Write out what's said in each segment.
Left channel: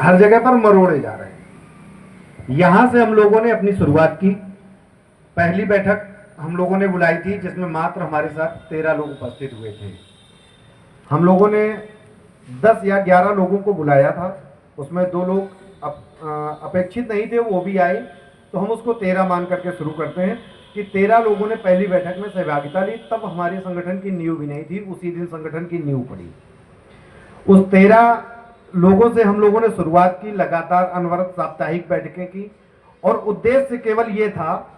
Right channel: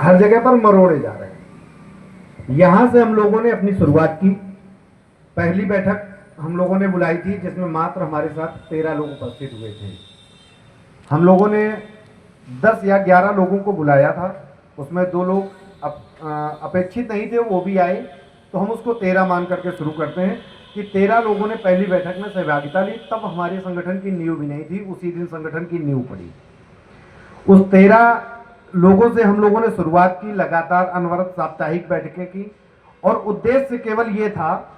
हर जगह पर मरोड़े जा रहे हैं। यहां से हम लोगों ने अपनी शुरुआत की। पहली बैठक हम लोगों ने बुलाई थी जिसमें मात्र हमारे साथ 13 लोग उपस्थित हुए थे। हम लोगों ने 10 या 11 लोगों को बुलाया था, उसमें 2 लोग अपेक्षित नहीं थे, वो भी आए, तो हम उसको 13 मान करके शुरू करते हैं कि 13 लोगों ने पहली बैठक में सहभागिता ली। तब हमारे संगठन की नींव भी नहीं थी, उसी दिन संगठन की नींव पड़ी। उस 13 लोगों से हम लोगों ने शुरुआत की, लगातार अनवरत साप्ताहिक बैठकें की, और उद्देश्य केवल ये था,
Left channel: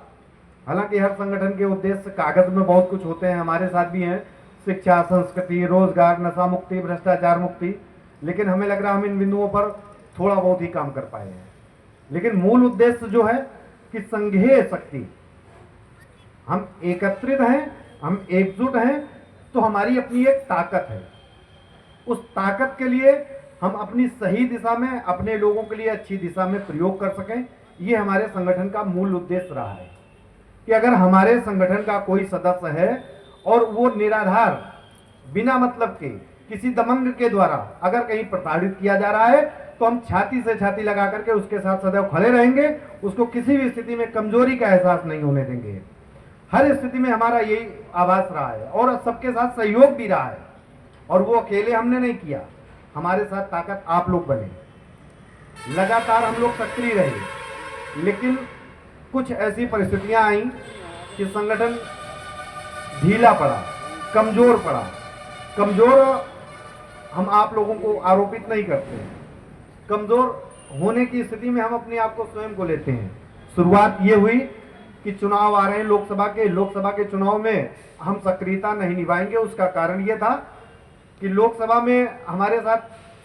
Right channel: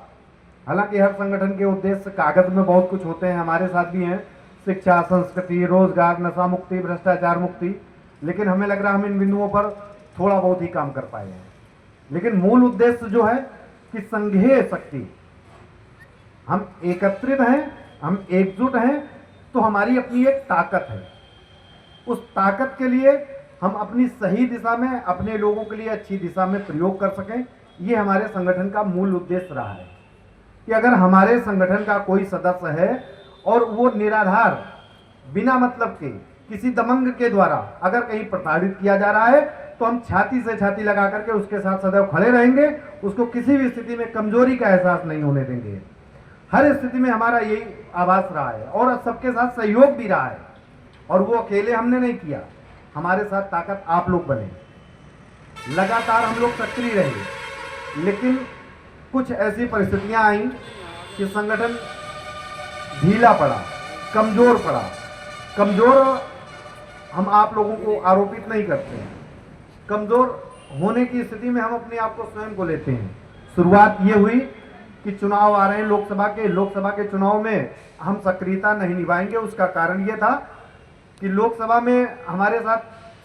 हालांकि हर संगठन के उद्देश्य कागज में बहुत कुछ होते हैं, हमारे साथ भी हैं, शिक्षा, संस्कृति, रोजगार, नशा मुक्ति, भ्रष्टाचार मुक्ति, लेकिन हमें लग रहा है हम इन बिंदुओं पर थोड़ा बहुत ही काम कर पाए हैं। लेकिन मूल उद्देश्य जो है कि संघीय शक्ति, हम एकत्रित हैं, हम एकजुट हैं, तो हमारी अपनी एक ताकत है। उस ताकत के लिए हम अपनी सही दिशा में अपने लोगों के लिए अच्छी दिशा में प्रयोग कर सकें, ये हमारे संगठन का मूल उद्देश्य रहा है। कि अगर हमारे संगठन का कोई सदस्य है और वो निराधार बिना मतलब के किसी दबंग के द्वारा अगर कहीं प्रताड़ित किया जा रहा है, तो हम छाती से छाती लगा करके उसके साथ सदैव खड़े रहेंगे, उसको किसी भी स्थिति में कमजोरी का एहसास नहीं होने देंगे। हर स्थिति में हमारा यही आभास रहा है और सबके साथ सहयोग भी रहा है, और वो अकेले हमने नहीं किया, हमारे साथ ताकत आप लोग बने, लगातार हम लोग सक्रिय रहे। लेकिन कुछ ऐसी परिस्थितियां आई कि संगठन ढीला पड़ा, कमजोर पड़ा। कमजोर हम आप लोगों को आरोपित नहीं करते हैं, कमजोर होने की स्थिति में हम अपने आप को स्वयं को लेते हैं। शुरुआत ये हुई कि चुनाव आ रहे हैं लोकसभा के चुनाव में हम सक्रियता नहीं निभाएंगे। उसका कारण ये था कि लोकसभा में हमारे साथ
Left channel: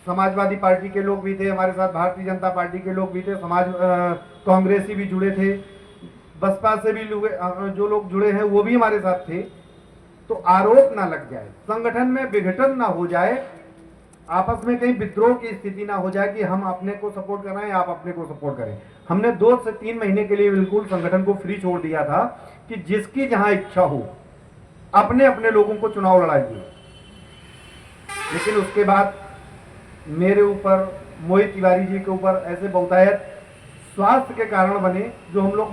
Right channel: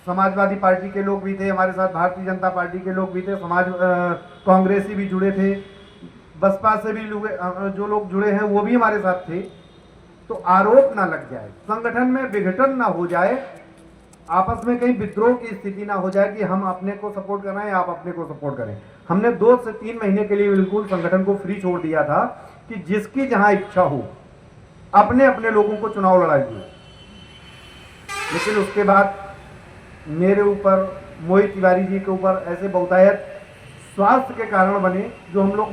समाजवादी पार्टी के लोग भी थे, हमारे साथ भारतीय जनता पार्टी के लोग भी थे, कांग्रेसी भी जुड़े थे, बसपा से भी जो लोग जुड़े हैं वो भी हमारे साथ थे। तो आरोप ना लग जाए, संगठन में विघटन ना हो जाए, आपस में कहीं विद्रोह की स्थिति ना हो जाए कि हम अपने को सपोर्ट कर रहे हैं, आप अपने को सपोर्ट करें। हमने 2 से 3 महीने के लिए बिल्कुल संगठन को फ्री छोड़ दिया था कि जिसकी जहां इच्छा हो अपने अपने लोगों को चुनाव लड़ाइए। लेकिन उसके बाद मेरे ऊपर, मोहित तिवारी जी के ऊपर ऐसे बहुतायत स्वास्थ्य के कारण बने, जो हम लोग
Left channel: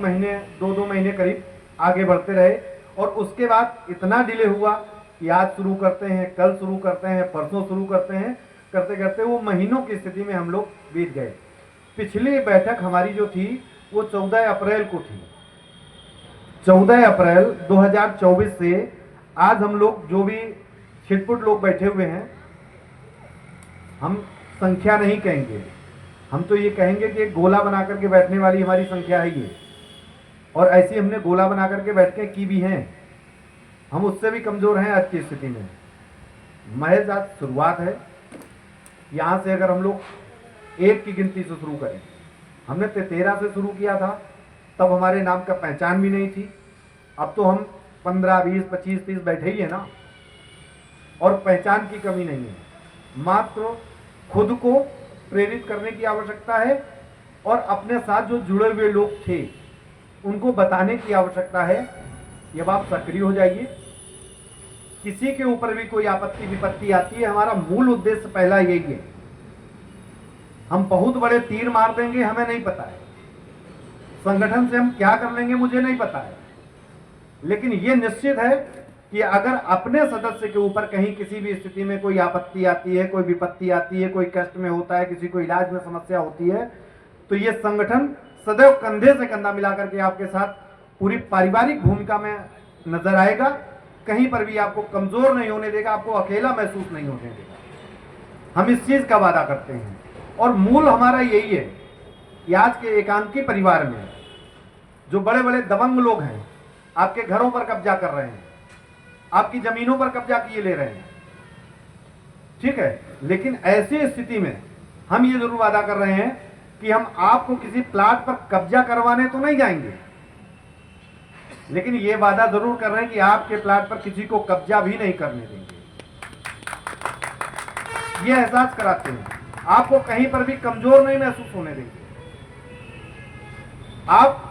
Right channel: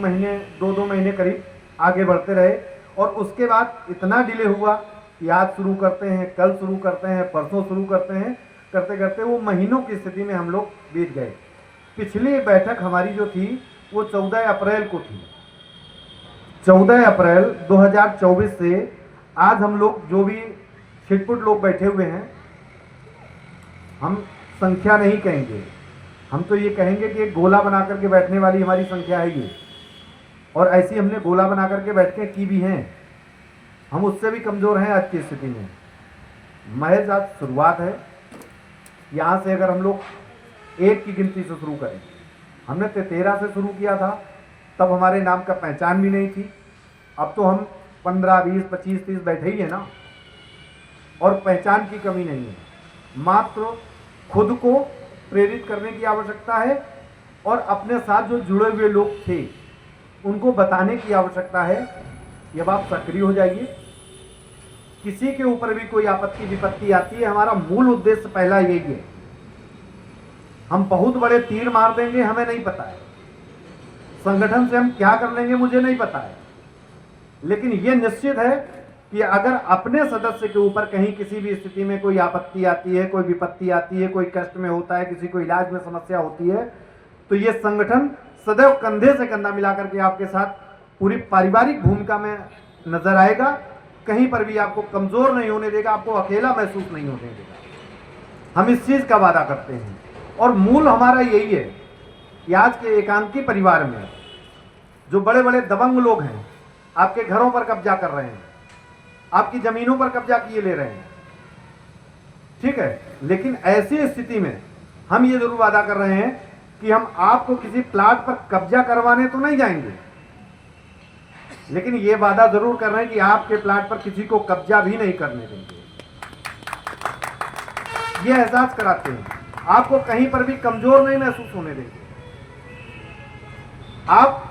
2 महीने करीब आगे बढ़ते रहे, और उसके बाद इतना डिले हुआ कि आज शुरू करते हैं, कल शुरू करते हैं, परसों शुरू करते हैं, करते करते वो महीनों की स्थिति में हम लोग बीत गए। पिछली बैठक हमारी जो थी वो 14 अप्रैल को थी। 14 अप्रैल 2024 से आज हम लोग जो भी छिटपुट लोग बैठे हुए हैं, हम संख्या नहीं कहेंगे, हम तो ये कहेंगे कि एक गोला बना करके बैठने वाली हमारी संख्या है ये, और ऐसी हमने गोला बना करके बैठकें की भी हैं। हम उससे भी कमजोर हैं आज की स्थिति में। महज आज शुरुआत है। यहाँ से अगर हम लोग 1 की गिनती से शुरू करें, हमने 13 से शुरू किया था, तब हमारे नाम का पहचान भी नहीं थी। अब तो हम 15, 20, 25, 30 बैठे ही है ना, और पहचान की कमी नहीं है। मात्र खुद को प्रेरित करने की आवश्यकता है, और अपने साथ जो जुड़े हुए लोग थे उनको बताने की आवश्यकता है कि अब आप सक्रिय हो जाइए। किसी के ऊपर भी कोई आपत्ति विपत्ति आती है, हमारा मूल उद्देश्य पहला यही है। हम बहुत बड़े तीर मार देंगे, हमें नहीं पता है, संगठन से हम क्या कर लेंगे मुझे नहीं पता है, लेकिन ये निश्चित है कि अगर अपने सदस्य के ऊपर कहीं किसी भी स्थिति में कोई आपत्ति आती है, कोई विपत्ति आती है, कोई कष्ट में होता है, किसी को इलाज में समस्या होती है, तो ये संगठन सदैव कंधे से कंधा मिलाकर के आपके साथ पूरी पारिवारिक भूमिका में नजर आएगा। कहीं पर भी आपको कमजोर नहीं होने देगा, आपको अकेला महसूस नहीं होने देगा। हम इस चीज का वादा करते हैं, और मूल हमारा यही है कि आज के एकांकी परिवार में जो बड़े बड़े दबंग लोग हैं, आपके घरों पर कब्जा कर रहे हैं, आपकी जमीनों पर कब्जा किए ले रहे हैं, ठीक है, लेकिन ऐसी स्थिति में हम ये जरूर वादा कर रहे हैं कि हम आपको किसी प्लाट पर कब्जा करवाने तो नहीं जाएंगे, लेकिन ये वादा जरूर कर रहे हैं कि आपके प्लाट पर किसी को कब्जा भी नहीं करने देंगे। ये एहसास कराते हैं, आपको कहीं पर भी कमजोर नहीं महसूस होने देंगे। आप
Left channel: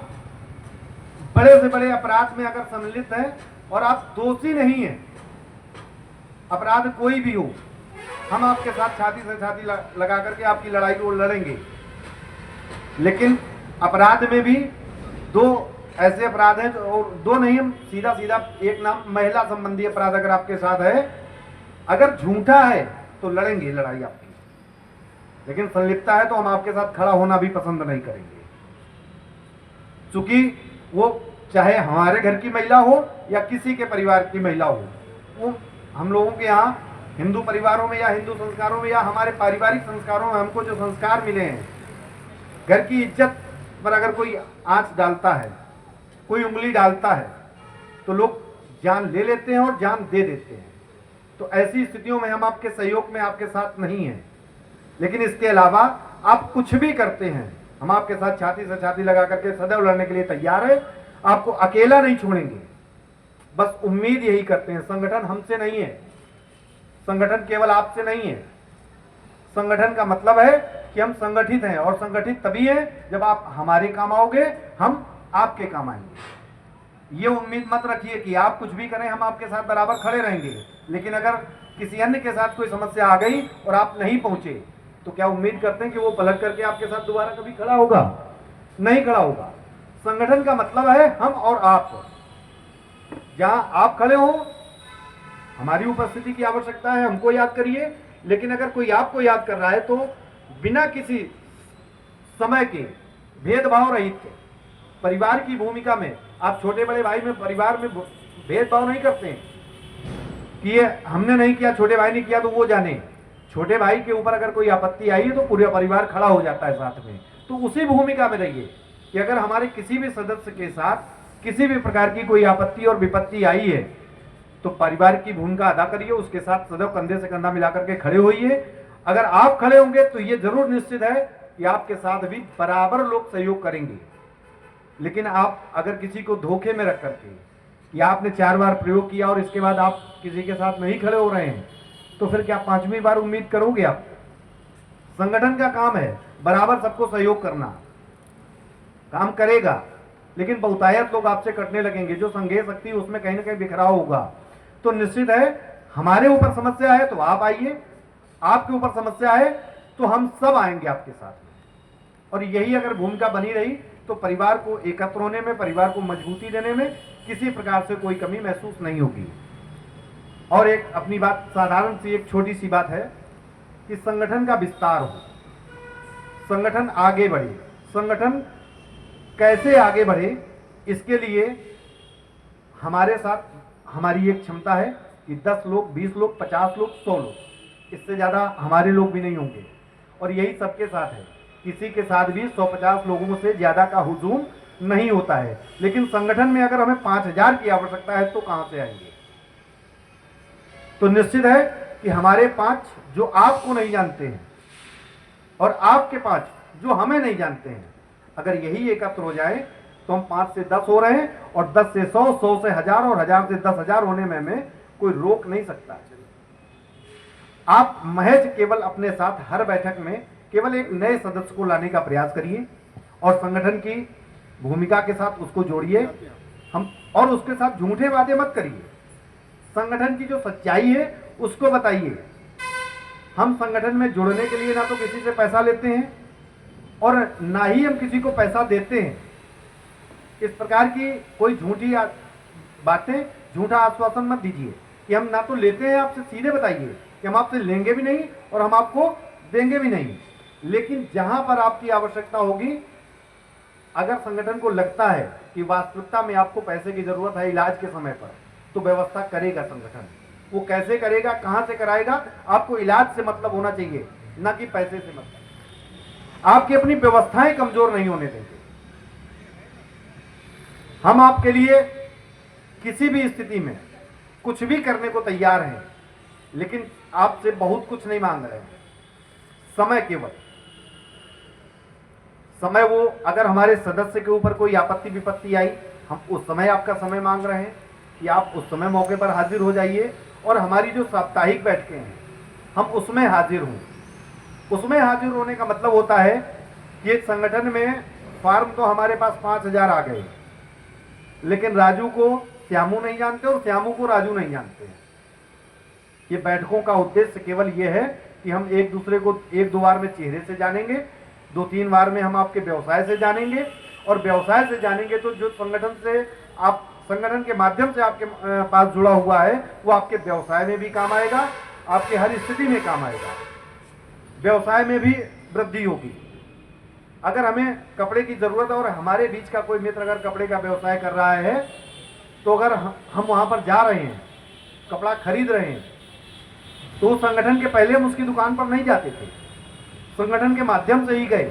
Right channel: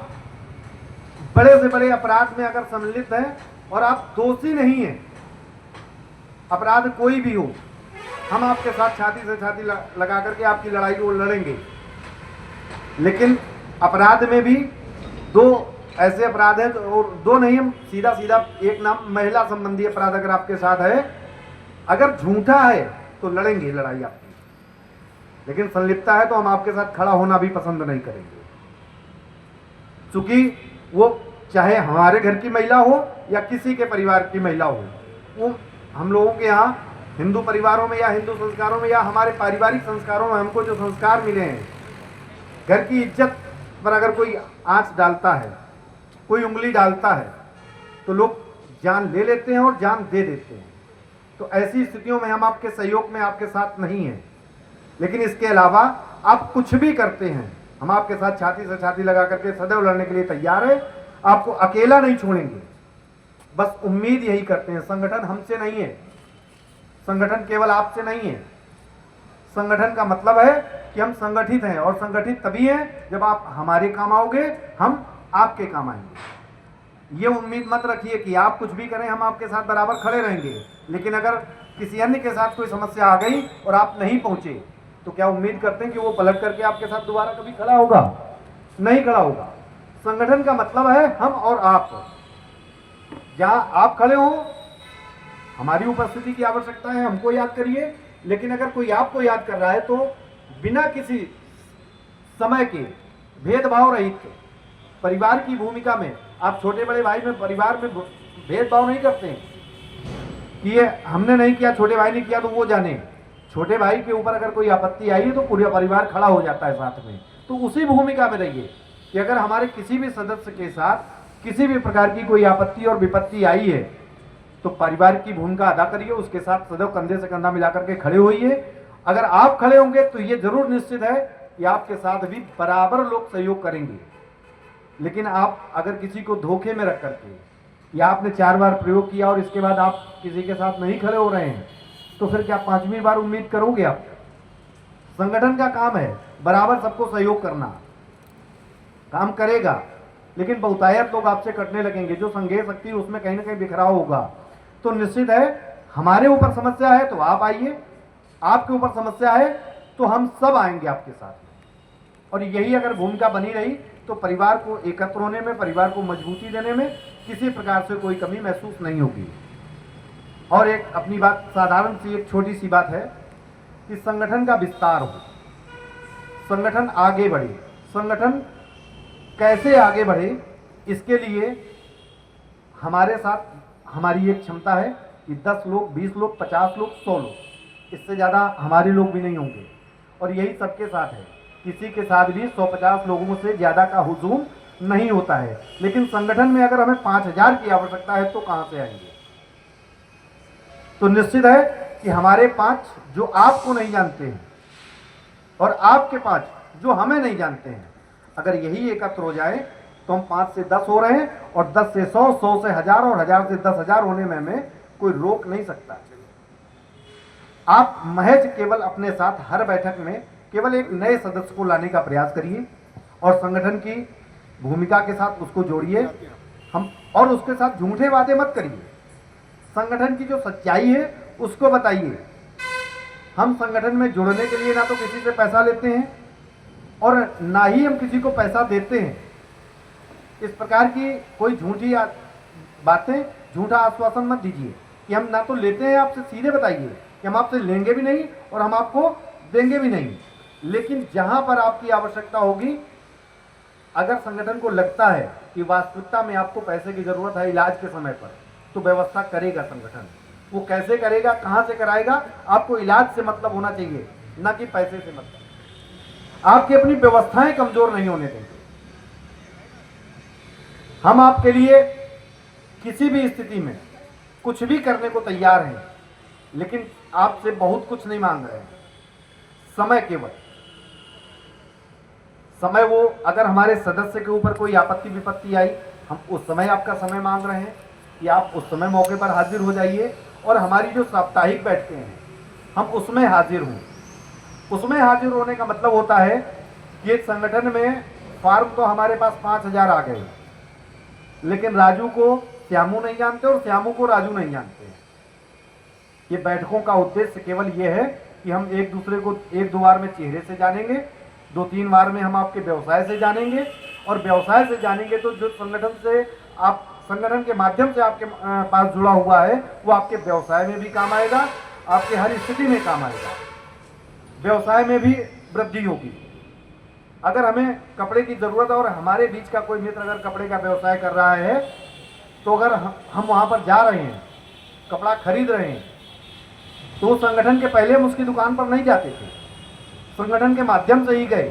बड़े से बड़े अपराध में अगर सम्मिलित हैं और आप दोषी नहीं हैं, अपराध कोई भी हो, हम आपके साथ छाती से छाती लगा करके आपकी लड़ाई को लड़ेंगे। लेकिन अपराध में भी दो ऐसे अपराध हैं, और दो नहीं, हम सीधा सीधा एक नाम महिला संबंधी अपराध अगर आपके साथ है, अगर झूठा है तो लड़ेंगे लड़ाई आपकी, लेकिन संलिप्तता है तो हम आपके साथ खड़ा होना भी पसंद नहीं करेंगे। क्योंकि वो चाहे हमारे घर की महिला हो या किसी के परिवार की महिला हो, वो हम लोगों के यहाँ हिंदू परिवारों में या हिंदू संस्कारों में या हमारे पारिवारिक संस्कारों में हमको जो संस्कार मिले हैं, घर की इज्जत पर अगर कोई आंच डालता है, कोई उंगली डालता है, तो लोग जान ले लेते हैं और जान दे देते हैं। तो ऐसी स्थितियों में हम आपके सहयोग में आपके साथ नहीं हैं। लेकिन इसके अलावा आप कुछ भी करते हैं, हम आपके साथ छाती से छाती लगा करके सदैव लड़ने के लिए तैयार है। आपको अकेला नहीं छोड़ेंगे। बस उम्मीद यही करते हैं, संगठन हमसे नहीं है, संगठन केवल आपसे नहीं है। संगठन का मतलब है कि हम संगठित हैं, और संगठित तभी है जब आप हमारे काम आओगे, हम आपके काम आएंगे। ये उम्मीद मत रखिए कि आप कुछ भी करें हम आपके साथ बराबर खड़े रहेंगे, लेकिन अगर किसी अन्य के साथ कोई समस्या आ गई और आप नहीं पहुंचे, तो क्या उम्मीद करते हैं कि वो पलट करके आपके साथ दोबारा कभी खड़ा होगा? नहीं खड़ा होगा। संगठन का मतलब है हम और आप। जहां आप खड़े हो, हमारी उपस्थिति की आवश्यकता है, हमको याद करिए। लेकिन अगर कोई आपको याद कर रहा है तो बिना किसी समय के भेदभाव रहित परिवार की भूमिका में, आप छोटे बड़े भाई में परिवार में भेदभाव नहीं करते हैं कि ये हमने नहीं किया, छोटे भाई ने किया तो वो जाने। छोटे भाई के ऊपर अगर कोई आपत्ति आई तो पूरा परिवार खड़ा हो जाता है साथ में। तो उसी भूमिका में रहिए कि अगर हमारे किसी भी सदस्य के साथ किसी भी प्रकार की कोई आपत्ति और विपत्ति आई है, तो परिवार की भूमिका अदा करिए, उसके साथ सदैव कंधे से कंधा मिलाकर के खड़े होइए। अगर आप खड़े होंगे तो ये जरूर निश्चित है कि आपके साथ भी बराबर लोग सहयोग करेंगे। लेकिन आप अगर किसी को धोखे में रख करके, या आपने 4 बार प्रयोग किया और इसके बाद आप किसी के साथ नहीं खड़े हो रहे हैं, तो फिर क्या 5वीं बार उम्मीद करोगे आप? संगठन का काम है बराबर सबको सहयोग करना, काम करेगा, लेकिन बहुतायत लोग आपसे कटने लगेंगे। जो संघीय शक्ति उसमें कहीं ना कहीं बिखराव होगा। तो निश्चित है हमारे ऊपर समस्या है तो आप आइए, आपके ऊपर समस्या है तो हम सब आएंगे आपके साथ। और यही अगर भूमिका बनी रही तो परिवार को एकत्र होने में, परिवार को मजबूती देने में किसी प्रकार से कोई कमी महसूस नहीं होगी। और एक अपनी बात साधारण सी एक छोटी सी बात है कि संगठन का विस्तार हो, संगठन आगे बढ़े। संगठन कैसे आगे बढ़े, इसके लिए हमारे साथ हमारी एक क्षमता है कि 10 लोग, 20 लोग, 50 लोग, 100 लोग, इससे ज़्यादा हमारे लोग भी नहीं होंगे। और यही सबके साथ है, किसी के साथ भी 150 लोगों से ज़्यादा का हुजूम नहीं होता है। लेकिन संगठन में अगर हमें 5000 की आवश्यकता है तो कहाँ से आएंगे? तो निश्चित है कि हमारे 5 जो आपको नहीं जानते हैं और आपके 5 जो हमें नहीं जानते हैं, अगर यही एकत्र हो जाए तो हम 5 से 10 हो रहे हैं, और 10 से 100, 100 से 1000 और 1000 से 10,000 होने में हमें कोई रोक नहीं सकता। आप महज केवल अपने साथ हर बैठक में केवल एक नए सदस्य को लाने का प्रयास करिए और संगठन की भूमिका के साथ उसको जोड़िए। हम और उसके साथ झूठे वादे मत करिए। संगठन की जो सच्चाई है उसको बताइए। हम संगठन में जुड़ने के लिए ना तो किसी से पैसा लेते हैं और ना ही हम किसी को पैसा देते हैं। इस प्रकार की कोई झूठी बातें, झूठा आश्वासन मत दीजिए कि हम ना तो लेते हैं आपसे। सीधे बताइए कि हम आपसे लेंगे भी नहीं और हम आपको देंगे भी नहीं। लेकिन जहां पर आपकी आवश्यकता होगी, अगर संगठन को लगता है कि वास्तविकता में आपको पैसे की जरूरत है इलाज के समय पर, तो व्यवस्था करेगा संगठन। वो कैसे करेगा, कहां से कराएगा, आपको इलाज से मतलब होना चाहिए, ना कि पैसे से मतलब। आपकी अपनी व्यवस्थाएं कमजोर नहीं होने देंगे। हम आपके लिए किसी भी स्थिति में कुछ भी करने को तैयार हैं, लेकिन आपसे बहुत कुछ नहीं मांग रहे हैं। समय केवल समय, वो अगर हमारे सदस्य के ऊपर कोई आपत्ति विपत्ति आई, हम उस समय आपका समय मांग रहे हैं कि आप उस समय मौके पर हाजिर हो जाइए। और हमारी जो साप्ताहिक बैठकें हैं हम उसमें हाजिर हों। उसमें हाजिर होने का मतलब होता है कि संगठन में फॉर्म तो हमारे पास 5000 आ गए, लेकिन राजू को श्यामू नहीं जानते और श्यामू को राजू नहीं जानते। ये बैठकों का उद्देश्य केवल ये है कि हम एक दूसरे को 1-2 बार में चेहरे से जानेंगे, 2-3 बार में हम आपके व्यवसाय से जानेंगे, और व्यवसाय से जानेंगे तो जो संगठन के माध्यम से आपके पास जुड़ा हुआ है वो आपके व्यवसाय में भी काम आएगा, आपके हर स्थिति में काम आएगा, व्यवसाय में भी वृद्धि होगी। अगर हमें कपड़े की जरूरत है और हमारे बीच का कोई मित्र अगर कपड़े का व्यवसाय कर रहा है, तो अगर हम वहां पर जा रहे हैं, कपड़ा खरीद रहे हैं, तो संगठन के पहले हम उसकी दुकान पर नहीं जाते थे, संगठन के माध्यम से ही गए,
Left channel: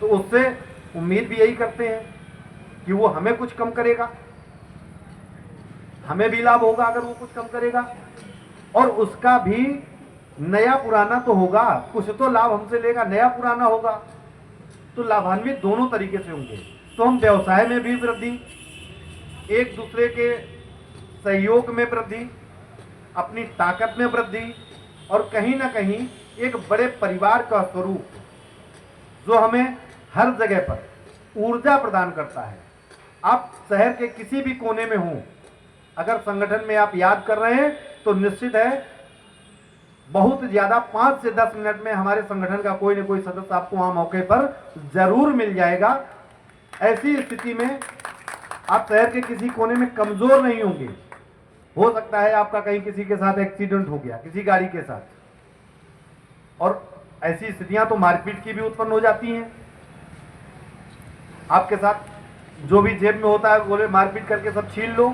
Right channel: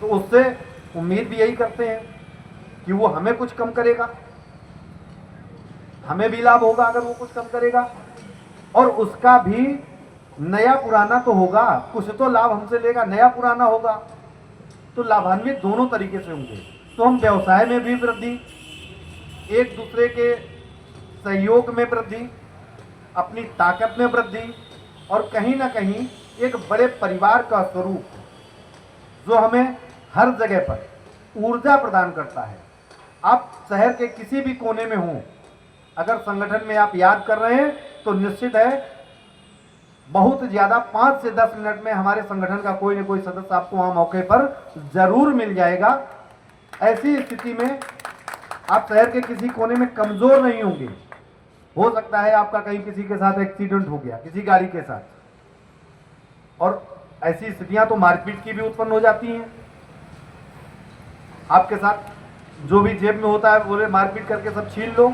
तो उससे उम्मीद भी यही करते हैं कि वो हमें कुछ कम करेगा, हमें भी लाभ होगा अगर वो कुछ कम करेगा, और उसका भी नया पुराना तो होगा, कुछ तो लाभ हमसे लेगा, नया पुराना होगा, तो लाभान्वित दोनों तरीके से होंगे। तो हम व्यवसाय में भी वृद्धि, एक दूसरे के सहयोग में वृद्धि, अपनी ताकत में वृद्धि, और कहीं ना कहीं एक बड़े परिवार का स्वरूप जो हमें हर जगह पर ऊर्जा प्रदान करता है। आप शहर के किसी भी कोने में हों, अगर संगठन में आप याद कर रहे हैं तो निश्चित है बहुत ज्यादा 5 से 10 मिनट में हमारे संगठन का कोई न कोई सदस्य आपको वहां मौके पर जरूर मिल जाएगा। ऐसी स्थिति में आप शहर के किसी कोने में कमजोर नहीं होंगे। हो सकता है आपका कहीं किसी के साथ एक्सीडेंट हो गया, किसी गाड़ी के साथ, और ऐसी स्थितियां तो मारपीट की भी उत्पन्न हो जाती हैं। आपके साथ जो भी जेब में होता है बोले मारपीट करके सब छीन लो,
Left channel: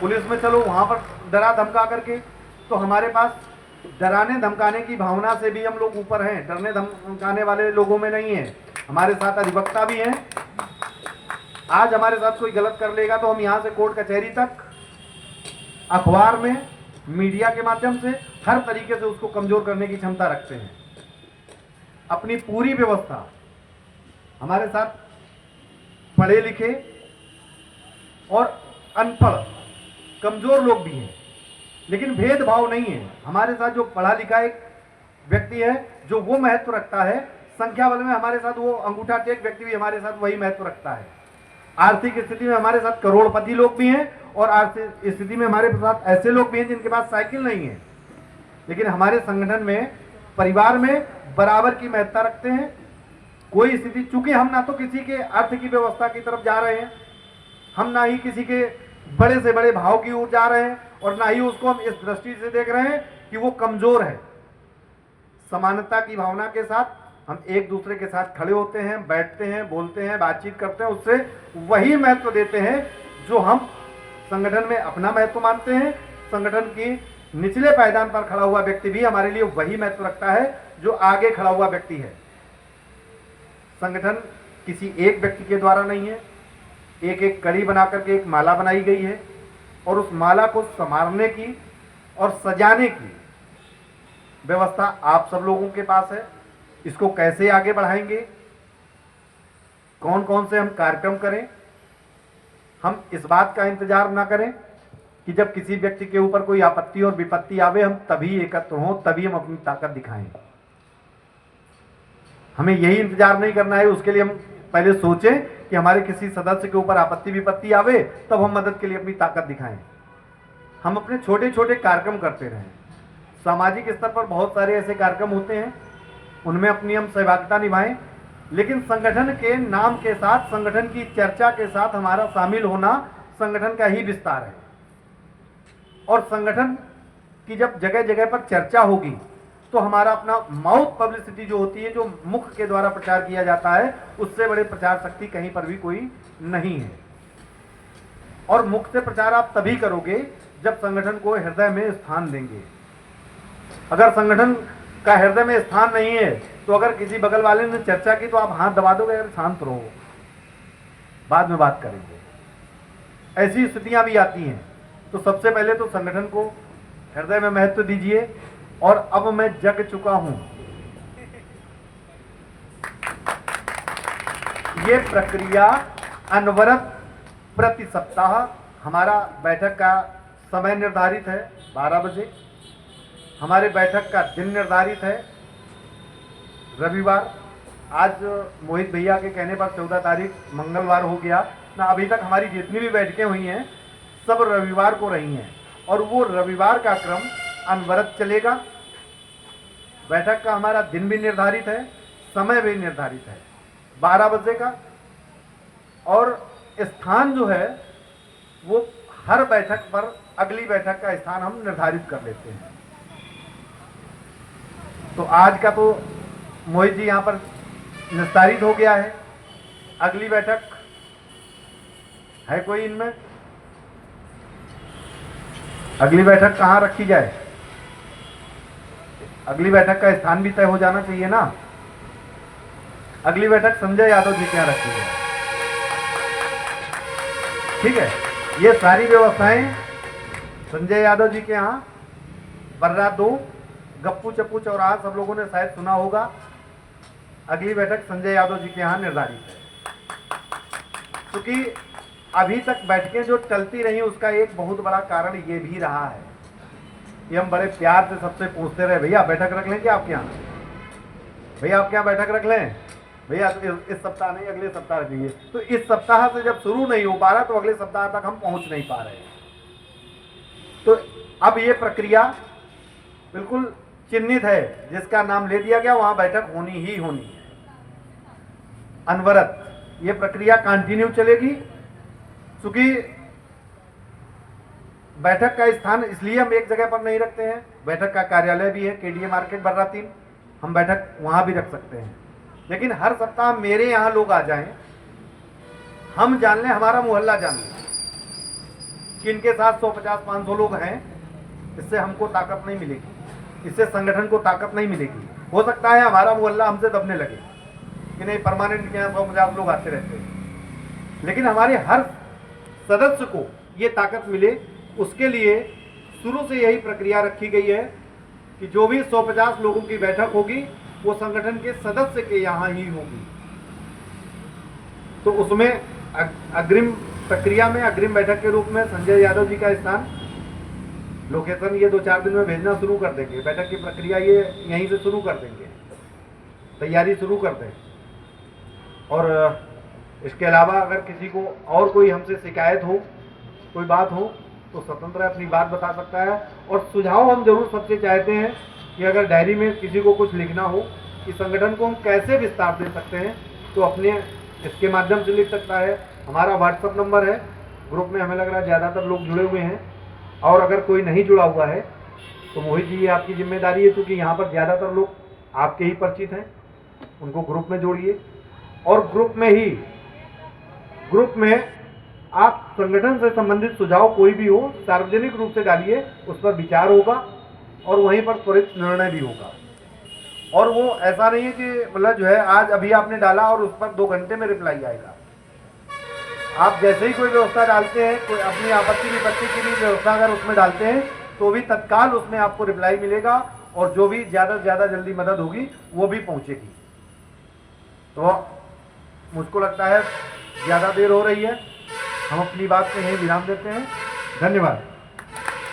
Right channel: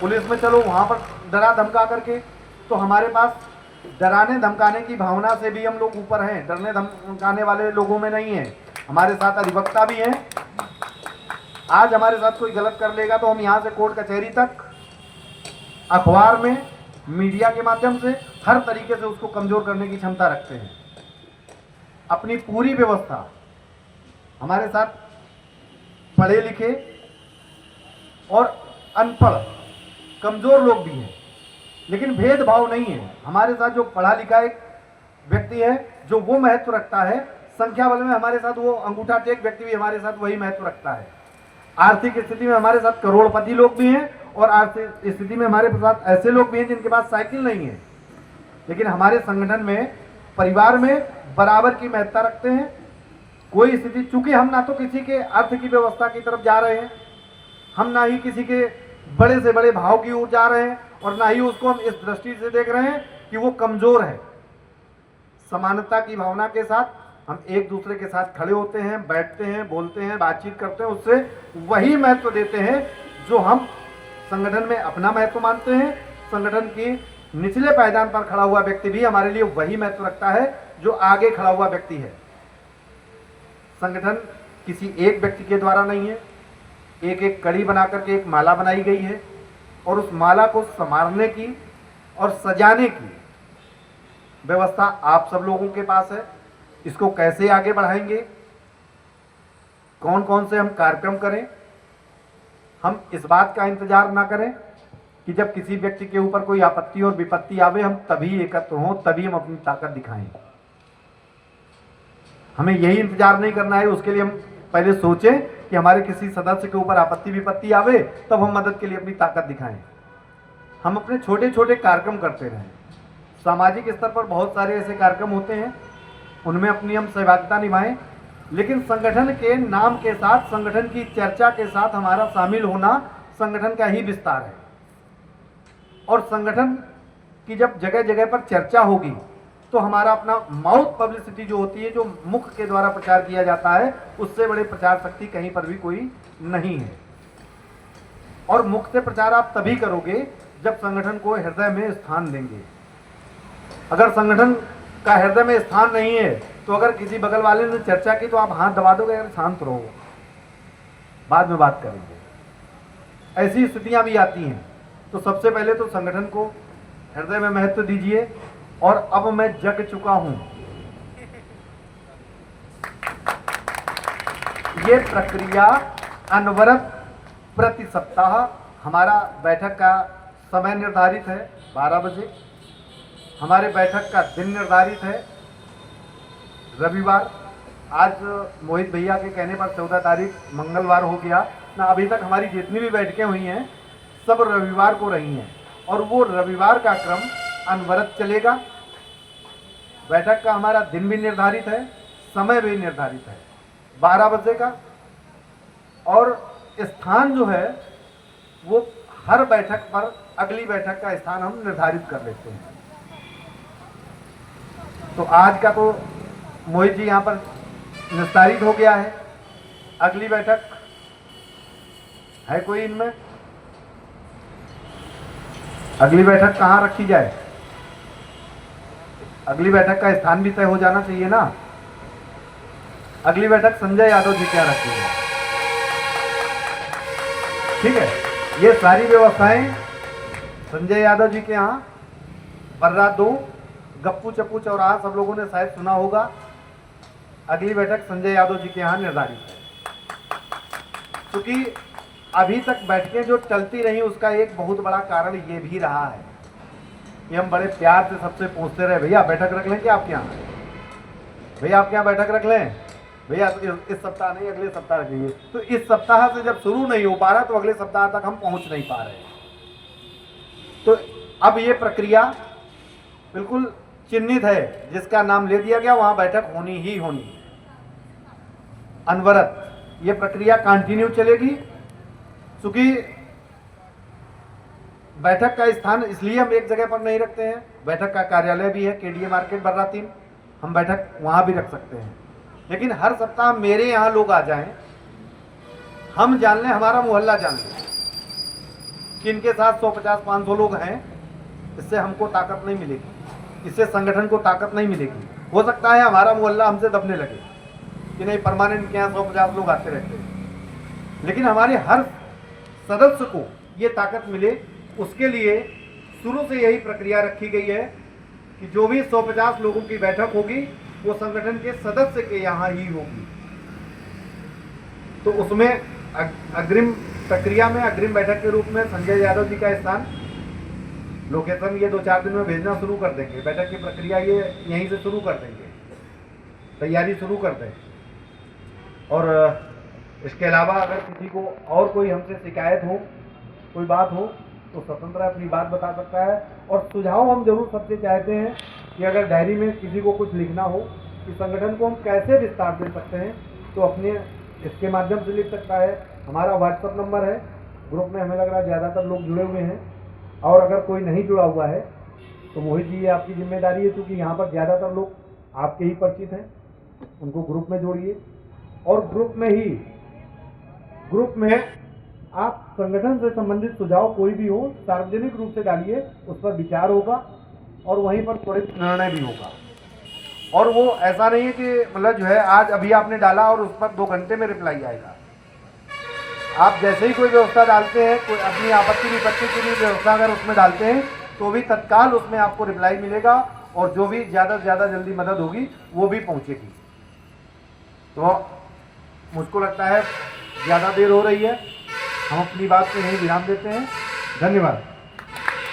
पुलिस में चलो, वहां पर डरा धमका करके। तो हमारे पास डराने धमकाने की भावना से भी हम लोग ऊपर हैं, डरने धमकाने वाले लोगों में नहीं है। हमारे साथ अधिवक्ता भी हैं। आज हमारे साथ कोई गलत कर लेगा तो हम यहाँ से कोर्ट कचहरी तक, अखबार में, मीडिया के माध्यम से हर तरीके से उसको कमजोर करने की क्षमता रखते हैं। अपनी पूरी व्यवस्था, हमारे साथ पढ़े लिखे और अनपढ़ कमजोर लोग भी हैं, लेकिन भेदभाव नहीं है। हमारे साथ जो पढ़ा लिखा एक व्यक्ति है जो वो महत्व रखता है, संख्या बल में हमारे साथ वो अंगूठा टेक व्यक्ति भी हमारे साथ वही महत्व रखता है। आर्थिक स्थिति में हमारे साथ करोड़पति लोग भी हैं, और आर्थिक स्थिति में हमारे साथ ऐसे लोग भी हैं जिनके पास साइकिल नहीं है, लेकिन हमारे संगठन में, परिवार में बराबर की महत्ता रखते हैं। कोई स्थिति, चूंकि हम ना तो किसी के अर्थ की व्यवस्था की तरफ जा रहे हैं, हम ना ही किसी के बड़े से बड़े भाव की ओर जा रहे हैं, और ना ही उसको हम इस दृष्टि से देख रहे हैं कि वो कमजोर है। समानता की भावना के साथ हम एक दूसरे के साथ खड़े होते हैं, बैठते हैं, बोलते हैं, बातचीत करते हैं, उससे वही महत्व देते हैं जो हम संगठन में अपना महत्व मानते हैं। संगठन की निचले पायदान पर खड़ा हुआ व्यक्ति भी हमारे लिए वही महत्व रखता है जो आगे खड़ा हुआ व्यक्ति है। संगठन किसी एक व्यक्ति के द्वारा नहीं है, एक एक कड़ी बना करके एक माला बनाई गई है, और उस माला को संवारने की और सजाने की व्यवस्था आप सब लोगों के पास है। इसको कैसे आगे बढ़ाएंगे, कौन कौन से हम कार्यक्रम करें, हम इस बात का इंतजार ना करें कि जब किसी व्यक्ति के ऊपर कोई आपत्ति और विपत्ति आवे हम तभी एकत्र हों, तभी हम अपनी ताकत दिखाएं। हमें यही इंतजार नहीं करना है। उसके लिए हम पहले सोचें कि हमारे किसी सदस्य के ऊपर आपत्ति विपत्ति आवे, तब हम मदद के लिए अपनी ताकत दिखाएं। हम अपने छोटे छोटे कार्यक्रम करते रहें। सामाजिक स्तर पर बहुत सारे ऐसे कार्यक्रम होते हैं, उनमें अपनी हम सहभागिता निभाएं, लेकिन संगठन के नाम के साथ, संगठन की चर्चा के साथ हमारा शामिल होना संगठन का ही विस्तार है। और संगठन की जब जगह जगह पर चर्चा होगी तो हमारा अपना माउथ पब्लिसिटी जो होती है, जो मुख के द्वारा प्रचार किया जाता है, उससे बड़े प्रचार शक्ति कहीं पर भी कोई नहीं है। और मुख से प्रचार आप तभी करोगे जब संगठन को हृदय में स्थान देंगे। अगर संगठन का हृदय में स्थान नहीं है तो अगर किसी बगल वाले ने चर्चा की तो आप हाथ दबा दोगे, अगर शांत रहो, बाद में बात करेंगे। ऐसी स्थितियां भी आती हैं। तो सबसे पहले तो संगठन को हृदय में महत्व दीजिए। और अब मैं जग चुका हूं, ये प्रक्रिया अनवरत प्रति सप्ताह, हमारा बैठक का समय निर्धारित है 12 बजे, हमारे बैठक का दिन निर्धारित है रविवार। आज मोहित भैया के कहने पर 14 तारीख मंगलवार हो गया ना। अभी तक हमारी जितनी भी बैठकें हुई हैं सब रविवार को रही हैं, और वो रविवार का क्रम अनवरत चलेगा। बैठक का हमारा दिन भी निर्धारित है, समय भी निर्धारित है 12 बजे का, और स्थान जो है वो हर बैठक पर अगली बैठक का स्थान हम निर्धारित कर लेते हैं। तो आज का तो मोहित जी यहाँ पर निर्धारित हो गया है। अगली बैठक है कोई इनमें? अगली बैठक कहाँ रखी जाए? अगली बैठक का स्थान भी तय हो जाना चाहिए ना। अगली बैठक संजय यादव जी क्या रखी है? ठीक है, ये सारी व्यवस्थाएं संजय यादव जी के यहाँ बर्रा 2 गप्पू चप्पू चौराहा सब लोगों ने शायद सुना होगा। अगली बैठक संजय यादव जी के यहाँ निर्धारित है। क्योंकि अभी तक बैठकें जो चलती रही उसका एक बहुत बड़ा कारण ये भी रहा है कि हम बड़े प्यार से सबसे पूछते रहे, भैया बैठक रख लें क्या आपके यहाँ? भैया आपके यहाँ बैठक रख लें? भैया इस सप्ताह नहीं अगले सप्ताह रखिए। तो इस सप्ताह से जब शुरू नहीं हो पा रहा तो अगले सप्ताह तक हम पहुंच नहीं पा रहे। तो अब ये प्रक्रिया बिल्कुल चिन्हित है, जिसका नाम ले दिया गया वहां बैठक होनी ही होनी है, अनवरत। ये प्रक्रिया कंटिन्यू चलेगी। क्योंकि बैठक का स्थान इसलिए हम एक जगह पर नहीं रखते हैं, बैठक का कार्यालय भी है केडीए मार्केट बर्रा 3, हम बैठक वहां भी रख सकते हैं। लेकिन हर सप्ताह मेरे यहाँ लोग आ जाएं, हम जान लें, हमारा मोहल्ला जान लें कि इनके साथ 150-500 लोग हैं, इससे हमको ताकत नहीं मिलेगी, इससे संगठन को ताकत नहीं मिलेगी। हो सकता है हमारा मोहल्ला हमसे दबने लगे कि नहीं परमानेंट के यहाँ 150 लोग आते रहते हैं, लेकिन हमारे हर सदस्य को ये ताकत मिले, उसके लिए शुरू से यही प्रक्रिया रखी गई है कि जो भी 150 लोगों की बैठक होगी वो संगठन के सदस्य के यहाँ ही होगी। तो उसमें अग्रिम प्रक्रिया में अग्रिम बैठक के रूप में संजय यादव जी का स्थान, लोकेशन ये 2-4 दिन में भेजना शुरू कर देंगे। बैठक की प्रक्रिया ये यहीं से शुरू कर देंगे, तैयारी शुरू कर दें। और इसके अलावा अगर किसी को और कोई हमसे शिकायत हो, कोई बात हो, तो स्वतंत्र अपनी बात बता सकता है। और सुझाव हम जरूर सबसे चाहते हैं कि अगर डायरी में किसी को कुछ लिखना हो कि संगठन को हम कैसे विस्तार दे सकते हैं, तो अपने इसके माध्यम से लिख सकता है। हमारा व्हाट्सएप नंबर है, ग्रुप में हमें लग रहा है ज़्यादातर लोग जुड़े हुए हैं, और अगर कोई नहीं जुड़ा हुआ है तो मोहित जी ये आपकी जिम्मेदारी है, क्योंकि यहाँ पर ज़्यादातर लोग आपके ही परिचित हैं, उनको ग्रुप में जोड़िए। और ग्रुप में आप संगठन से संबंधित सुझाव कोई भी हो सार्वजनिक रूप से डालिए, उस पर विचार होगा और वहीं पर त्वरित निर्णय भी होगा। और वो ऐसा नहीं है कि मतलब जो है आज अभी आपने डाला और उस पर 2 घंटे में रिप्लाई आएगा। आप जैसे ही कोई व्यवस्था डालते हैं, कोई अपनी आपत्ति विपत्ति की भी व्यवस्था अगर उसमें डालते हैं तो भी तत्काल उसमें आपको रिप्लाई मिलेगा, और जो भी ज़्यादा से ज़्यादा जल्दी मदद होगी वो भी पहुँचेगी। तो मुझको लगता है ज़्यादा देर हो रही है, हम अपनी बात में यहीं विराम देते हैं। धन्यवाद।